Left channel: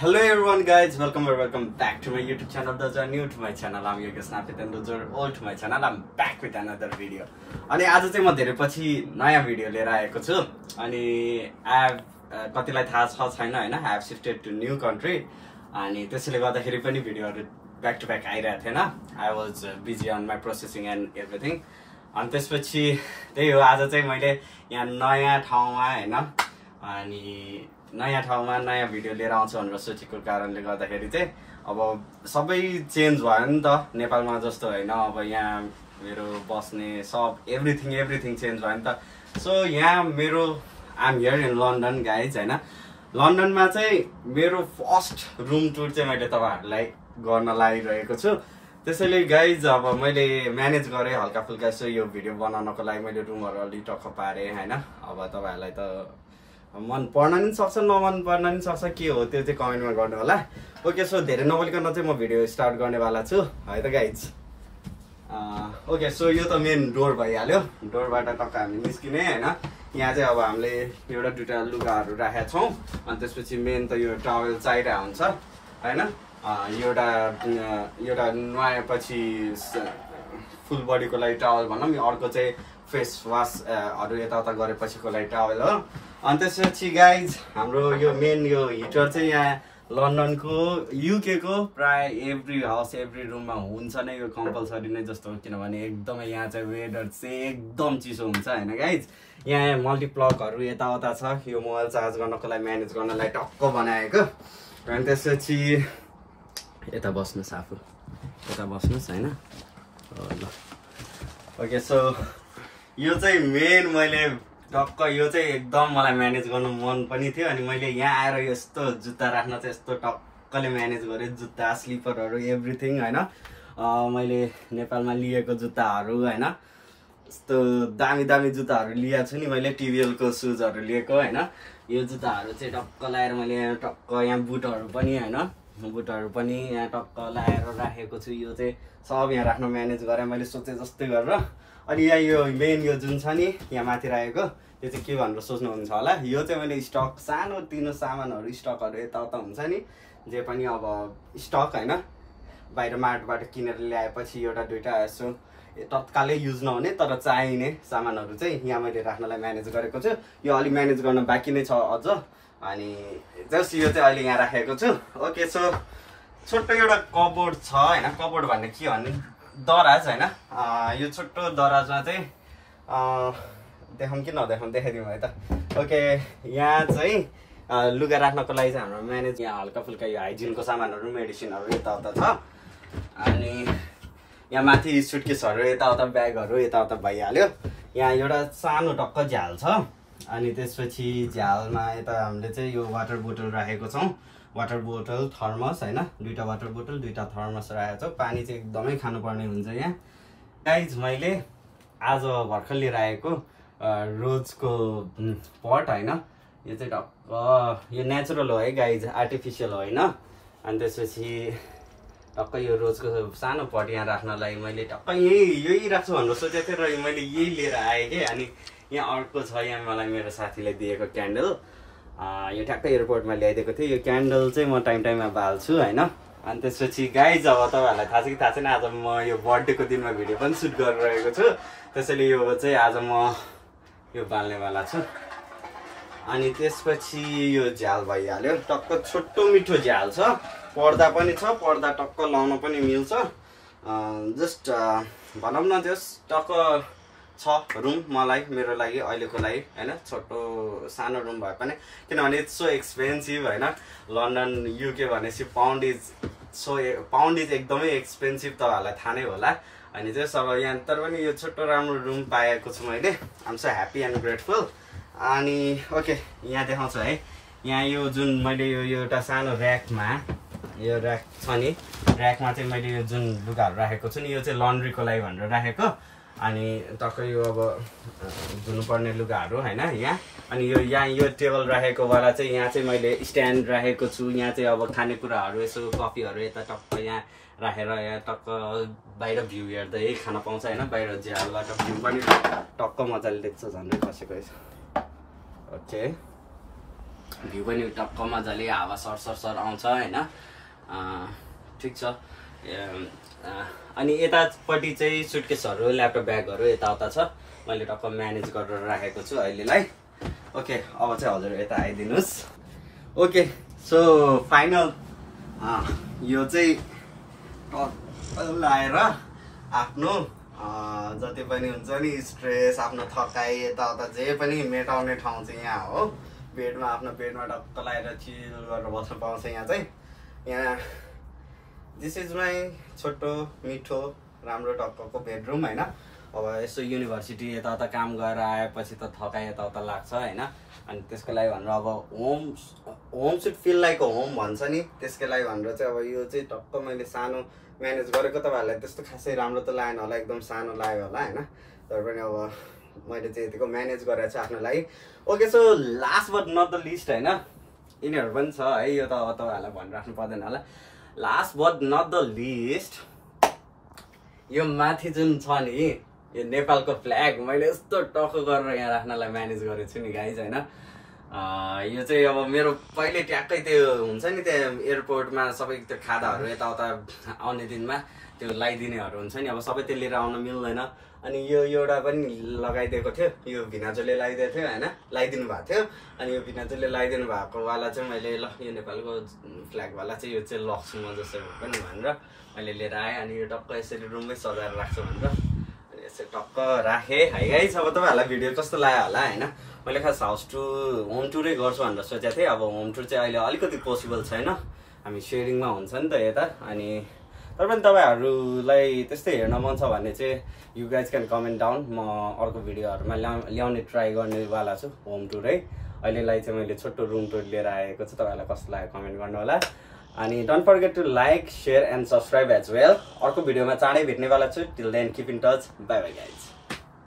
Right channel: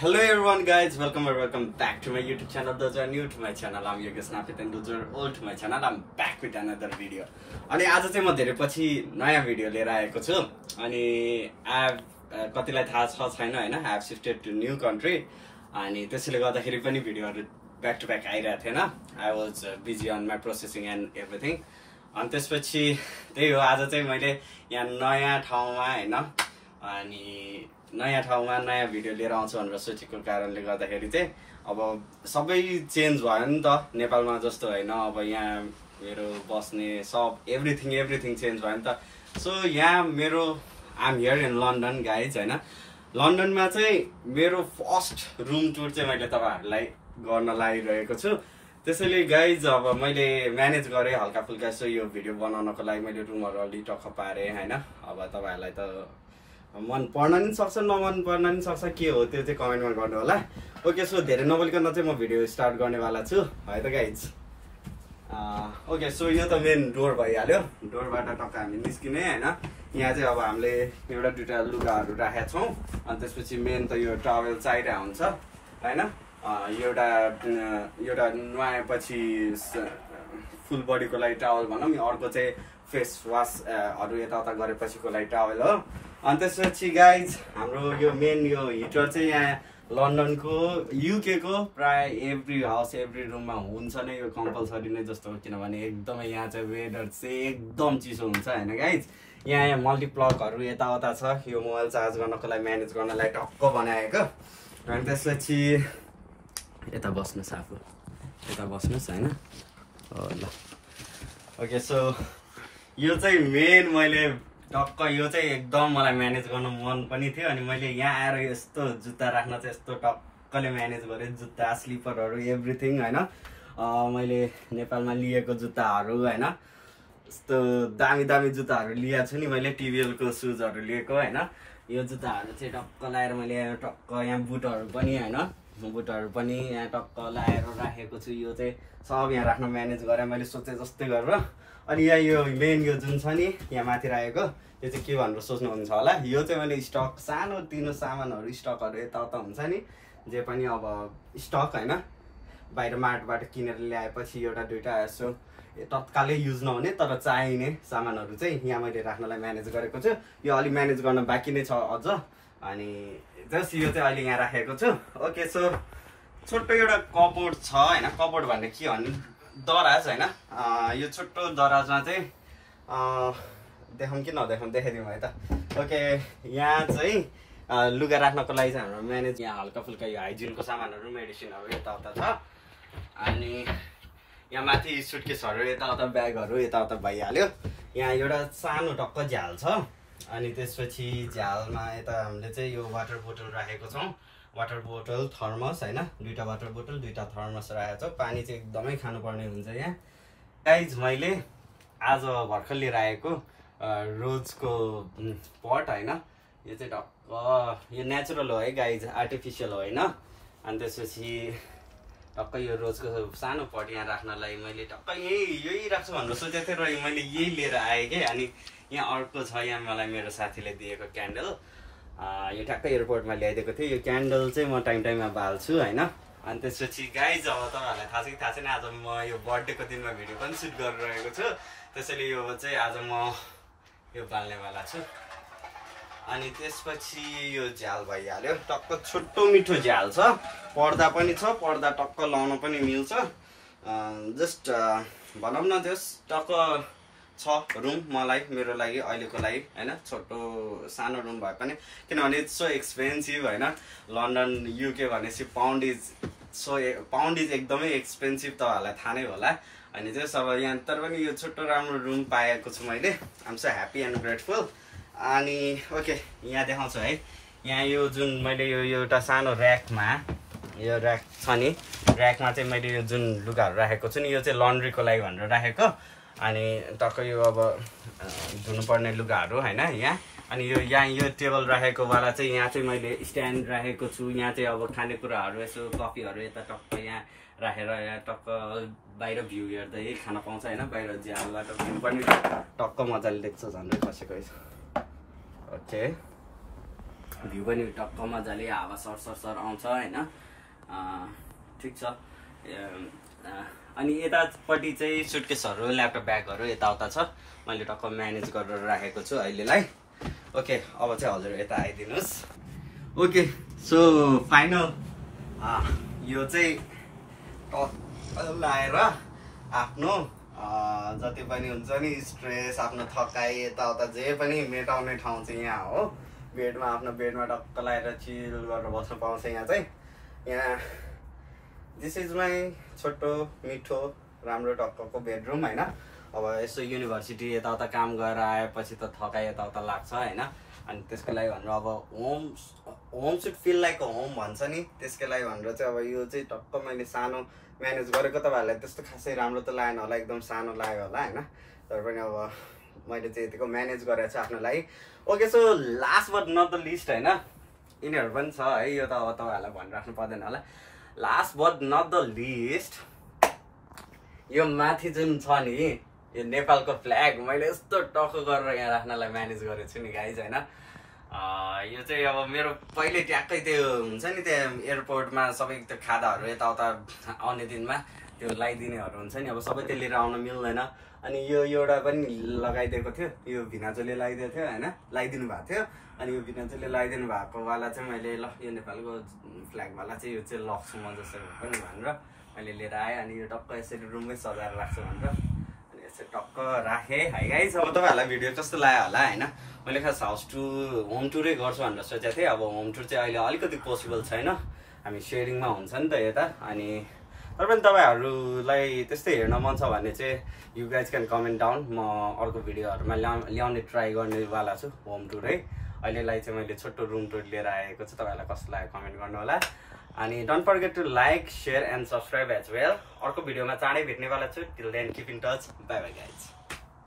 Hello everyone guys, welcome or welcome back to my YouTube channel. Those are new to my channel, I'm Yogesh Napit, and those are old to my channel, I'm back with another video. अनि आज चाहिँ म धेरै पछि नयाँ video लिएर आएको छु अनि कतिलाई थाहा छ छैन हैन, I have shifted to new country अनि त्यसैले गर्दाखेरि पनि भिडियोहरु ब्याक टु ब्याक आइरहेको थिएन. I was busy on my processing and everything. अनि त्यसपछि त्यही हो, आज चाहिँ मैले यहाँ नयाँ ठाउँमा हैन अनि नयाँ ठाउँमा नयाँ भिडियो लिएर आउँछु भनेर सोचेको कारणले गर्दाखेरि चाहिँ अब सबै चेन्ज भयो नि त. नेपालमा जस्तो हैन, अब यहाँ मेरो बस्ने सब एभ्रिथिङ चेन्ज भयो नि त. सो यहाँ मेरो I am here in London guys हैन. लन्डनमा चाहिँ मेरो फर्स्ट रुम टुर चाहिँ मैले तपाईहरुलाई गर्न लागिरहेको छु. त्यसैले गाइज अब मैले म्यानेज गरे हल्का फुल्का सो यो भिडियो बनाउनको लागि मैले रुमहरु अलि टक्क पारे हैन. अब तपाईहरुलाई त मन पर्न नि सक्छ, नमन पर्न नि सक्छ, के हो त्यो चाहिँ कमेन्टमा गर्नु होला. ओके, सो धेरै नबोलिकन चाहिँ म भिडियो स्टार्ट गर्नेवाला छु है त गाइज. ओके, सो यो त मेन डोर भइहाल्यो. डोरबाट टक्क हामी निस्किने हैन. यहाँ चाहिँ अब हामीले एउटा दुईटा लुगाहरू राखेका छौँ अनि त्यसपछि मेन त यो टावेल चाहिरहेको हुन्छ हैन. एउटा नुहाएपछि फुल बडीको लागि टावल भनौँ, अर्को चाहिँ फेस वासहरू यताउता गरेपछिको लागि टावल हो. अनि त्यसपछि गाइज हाम्रो यो मेन यो हिटर चाहिँ यहाँ लन्डनको युके को प्राय एभ्री हाउस एभ्री रुममा हुन्छ नै, यो कम्पलसरी नै जस्तो हो. किनभने एकदमै यहाँ चाहिँ वेदर चाहिँ एकदम चिसो हुन्छ हैन गाइज. यहाँ मल्टिप्लगहरू यताउता छ, यो मोबाइल चार्ज गर्नको लागि म्यानेज गर्नलाई टक्क बनाएको. अनि त्यसपछि यता बस्नुहोस्, आफू यता बस्नुहोस् हैन. ल ओके, सो यो चाहिँ मेन मैले टक्क यो चाहिँ एकदम मलाई म्यानेज गर्नु मन पनि थियो. अनि मैले यहाँ आएर यस्तो जुत्ता राख्न चाहिँ यस्तो टक्कले म्यानेज गरेँ. जुत्ता स्लिपरहरू एभ्रिथिङ हैन. मैले नेपालमा लिएको जुत्ताहरू हैन, यस्तो दामी दामी जुत्ताहरू लिएको छु नि मैले. टिबिएलको सुजहरू लिएको हैन. यो जुत्ताहरू चाहिँ टक्क लाएर मैले टक्क यहाँ बुटहरू पनि हैन, बुटहरू पनि यहाँ टक्क लाएर राखेको छु. यो चाहिँ सब यहाँ राख्न म्यानेज गरेँ मैले सोचे जस्तै गरेर. अनि यहाँ यो मेन यो जुन छ नि यहाँ माथि राखेको, यो चाहिँ के भनेर सोच्नुहुन्छ होला. यो चाहिँ मैले स्टक सानो तिनो सामानहरू स्टकहरू यताउता हुन्छ नि, जे पनि अब स्टक हैन, बाहिर मार्टबाट किनेर ल्याएपछि एउटा दुईटा यसो तत्कालै युज नहुने तर चाहिने सामानहरू चाहिँ यहाँ मैले राख्नलाई म्यानेज गरेको छु. यो अलि म्यानेज गर्न बाँकी नै छ अझ. अनि जस्ट यो चाहिँ अहिले यहाँ राखेको छु. ओके, सो छोटो एउटा कबोर्ड छ हैन. कबोर्ड भन्ने के भन्ने, दराज हैन. यो छोटो दराजमा चाहिँ देखाउँ कि नदेखाउँ, देखाइदिउँ है त. ओके, यहाँ चाहिँ लुगा राख्नको लागि चाहिँ हाम्रो म्यानेज यहाँ हल्का फुल्का यो हाइजिनको सामानहरू मेडिसिनहरू यताउता छ. अनि यहाँ माथि सुटकेसहरू यताउता ब्यागहरू यताउता भइहाल्यो. यहाँ एउटा सानो टक्क झ्याल छ. अनि त्यसपछि झ्यालमा यता हामीले चाहिँ यो वाटर बोतल राखेको छौँ. वाटर बोतल थर्मस हैन, दुईटा वाटर बोतल दुईटा थर्मस राखेको छ. पानी चाहिँ एकदमै खानुपर्ने हुन्छ यहाँ गाइज. मैले आज भर्खर लिएर आएको रोजको पट हैन. यो चाहिँ टक्क यो नेचुरल हो है गाइज, आर्टिफिसियल होइन. अनि त्यसपछि टक्क यो रोजको सानो पट यहाँ राख्नलाई मैले टक्क यही राख्छु भनेर सोचेको थिएँ र मैले यही लिएर आएँ कि. अनि यहाँ अर्को छ, यहाँ मलाई मेरो साथीले दिएको क्यान्डल. यो ठ्याक्कै एयरपोर्टमा ल्याइदिएको थिएँ. यो क्यान्डल चाहिँ म टाइममा बाल्छु हैन. अनि त्यसपछि गाइज अब तपाईँहरूलाई थाहा छ कि थाहा छैन, आज म यो बर्थडेको दिनमा भिडियो पनि सुट गरिरहेको छु. त्यसैले यो चाहिँ आज म यो बाल्नेवाला छु. अनि त्यसपछि यो झ्याल भइहाल्यो. टक्क छोटो मिठो झ्याल छ, पर्दा पनि छ, पर्दा टक्क लाउन पनि मिल्छ. जस्ट भनौँ न त्यस टक्क छ रुम मलाई, मेरो लागि अहिलेको लागि हैन. छोटो सानो रुम भए पनि, किनभने इट्स सो एक्सपेन्सिभ हैन. लन्डन युके भनेपछि पाउन्ड इज एकदमै एक्सपेन्सिभ, तपाईँहरूलाई थाहा नै होला. अनि चाहिँ अब यहाँ तर पनि यो छोटो राम्रो रुम पाएको छु मैले. I am so happy and grateful. अनि ओके, यहाँ देखाउँछु है. यहाँ यो जुन मैले यो एउटा सानो ऱ्याकमा, यो ऱ्याक छ नि, ऱ्याकमा चाहिँ मैले यो जुन लुगाहरू राखेको छु नि, यो चाहिँ लन्ड्रीको लागि भनेर राखेको. अनि टक्क यो अब धुनुपर्ने लुगाहरू होइन यहाँ. अनि यो यहाँ यो टेबल राखेको वाला चाहिँ यहाँ चाहिँ मैले स्ट्यान्ड राखेको छु. यहाँ चाहिँ अब खानेकुराहरू यसो कफीहरू यता टक्क यहाँ राखेर यहाँ टक्क बाहिर भ्यू हेर्दै खान पाउँछ होइन. बाहिर झ्यालबाट भ्यू पनि टक्क मजाले देख्छ, झन्डै खसेको. ओके, भ्यू पनि टक्क मजाले हावा सर आउँछ हैन। ठिक छ। अनि यतापट्टि चाहिँ सुटकेसहरू ल्यापटप ब्यागहरू यताउता छ, मैले टक्क म्यानेज गरेर राखेको छु अहिलेलाई। ओके अब चाहिँ हजुर यता आइदिनुहोस्। ओके सो फाइनल यो चाहिँ लाएर आफ्नो जति पनि हुन्छ नि स्ट्रेस आफ्नो थकाइ यताउता जे पनि मेटाउने ठाउँ चाहिँ यहाँ हो। बेडमा आफ्नो बेडमा टक्क लगाएर चिल गरेर बस्न पाउँछ यहाँ चाहिँ। यहाँ दिस इज माई छोटो मिठो राम्रो टक्कको बेडरुम हैन। अब यसो युनिभर्सिटी यताउता काम गरेर आएपछि त थकाइ यताउता लाग्छ हैन। अनि त्यसको लागि भनेर अब home should feel like home भन्छ नि, त्यसको लागि भनेर चाहिँ अब यो चाहिँ टक्क मैले सानो म्यानेज गरेको। तपाईँहरूलाई त्यस्तो खासै राम्रो त लागेन होला, एकदम सानो लाग्यो होला हैन, तर पनि अब मैले चाहिँ यतिको म्यानेज गरेको छु आफ्नो लागि। Okay so last but not the least हैन, यिनीहरू पनि छ है, यो त अब तपाईँहरूलाई भनिराख्नु पर्दैन होला। Last but not the least यो माथि जुन छ नि यो नेपालको फ्ल्याग मैले यस्तो टक्क गरेर यहाँ राख्नलाई म्यानेज गरेको छु नि गाइज हैन। यो चाहिँ अब मेरो पहिले ट्याक्कै त्यो हुन्छ नि त्यो एयरपोर्टमा सबै त्यो खादाहरू यताउता आउने दिनमा त्यो लगाइदिनेहरू हुन्छ नि, अब सबै त्यो लिएर आउन मिल्दैन। अनि यो एउटा पनि लगाइदिएको थियो, यो भिनाजुले लगाइदिएको थियो हैन, लगाइदिनु भएको थियो। अनि यो भिनाजुले लगाइदिनु भएको वाला चाहिँ मैले ल यो नेपालको फ्ल्यागवाला चाहिँ यो चाहिँ लग्छु म जसो पनि भनेर मैले लिएर आएँ। अनि यो टक्क यसरी रुममै सजाएर राख्छु भनेर अनि यसरी टक्क राखेँ है गाइस। अब तपाईँहरूलाई भिडियो कस्तो लाग्यो होला हैन। मैले खास हाउस टुर होम टुरै गर्छु भनेर सोचेको थिएँ। अब होम टुर चाहिँ अहिले अलिकति पोसिबल छैन, हामी सेयरिङमा हुन्छ नि त यता। अनि तर पनि तपाईँहरूलाई त्यस्तै हेर्न मन छ भने चाहिँ you guys can comment down, म अर्को भिडियोहरूमा ल्याउने ट्राई गर्नेवाला छु होम टुर है। अहिलेलाई चाहिँ मैले छोटो रुम टुर लिएर आएको छु, तपाईँहरूलाई कस्तो लाग्यो कमेन्ट गर्नु होला। अनि don't forget to like share and subscribe as well. अर्को भिडियोमा चाँडै भेट्नेवाला छु। Till then keep in touch, bye bye guys.